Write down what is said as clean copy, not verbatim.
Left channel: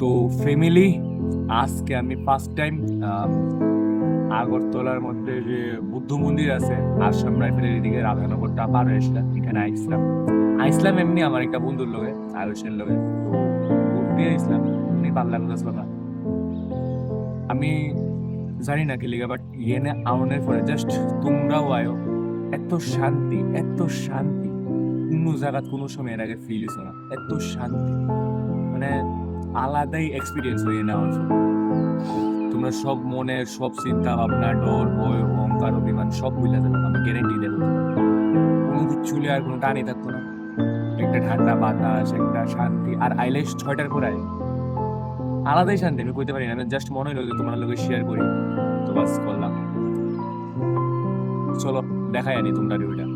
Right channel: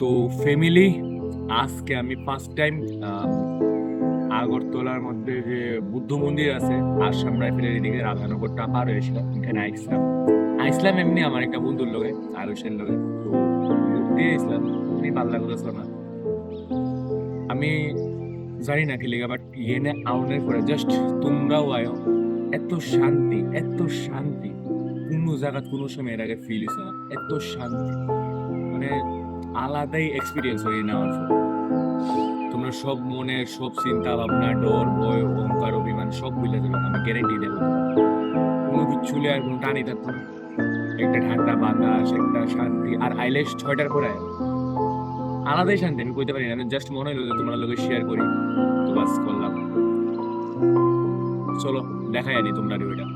তো ফ্যামিলি, আজকে আমি ফার্স্ট টাইম আগরতলার মধ্যে যে বুদ্ধ মন্দির আছে আসাম রাইফেলের এদিকে রাধানগরটা পার হয়েছিলাম, এখানে আইসলাম। আইসলাম এমনি আমার একটা বন্ধুর লগে, আয়ুষের লগে। তো ঘুরতে আইসলাম, এমনি ভাল লাগতেছিল না। আমি জানি না কি লিগা, বাট ইয়েনে আউনের পরে জাস্ট তোমরাও আয়ো, এত শান্তি, এত শান্তি কোনো জায়গা কোনো সময় এর আগে ফিল হইছে না। এত শান্তি, মানে আলাদাই এক্সপিরিয়েন্স হয়ে নেওয়ার পর তোমরা সব মনের সব চিন্তা ভাবনা, ডর, ভয়, অহংকার, অভিমান সব ভুলে যাবে, আমি গ্যারেন্টি দেবো। কোনো কিচ্ছু আর কোনো টানি থাকবো না, একটা ঠান্ডা বাতাস, একটা শান্তি। আর আইলেশ 6টার পরে আয়, আলাদাই শান্তি। আমি কইতে পারি না, আমি জাস্ট মনে হলো যে তোমার লোকে শেয়ার করি, তো বাস করলাম। চলো দেখাই আনি তোমরা ওইটা।